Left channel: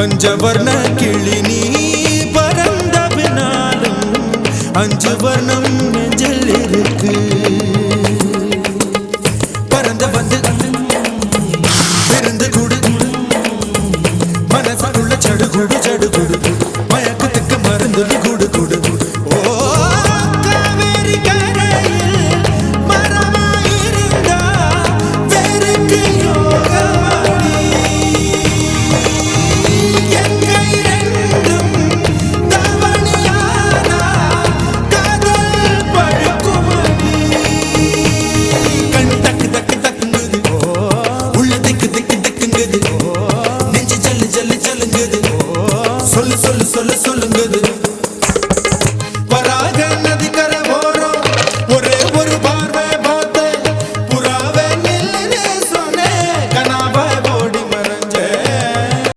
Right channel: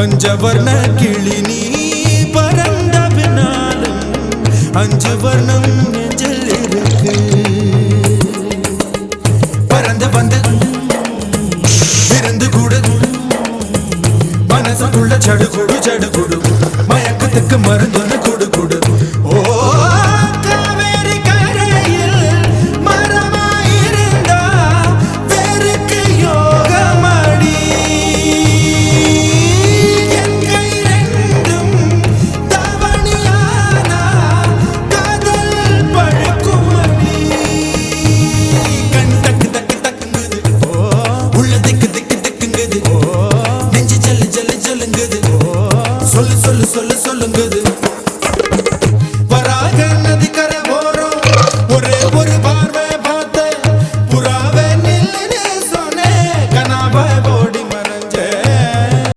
பஞ்சவர்ண கிளி நீ பறந்த பின்னாலும் 5 வர்ணம் நெஞ்சில் இருக்கு. பறந்து வந்து விருந்து கூடு மனசுக்குள்ள சடுகுடு சடுகுடு மயக்கத்துக்கு மருந்து கூடு கூடு. ஓ காவேரி கரையில் மரமாயிருந்தா வேருக்கு யோகமடி. என் கை ரெண்டும் தவணியானா காதல் பழுக்குமடி. கண் தக்கு தக்கு தக்குங்குது, உள்ள திக்கு திக்கு திக்குங்குது, நெஞ்சு ஜல்லு ஜல்லு ஜல்லுங்குது, சொல்லு சொல்லு சொல்லு சொல்லுங்குது.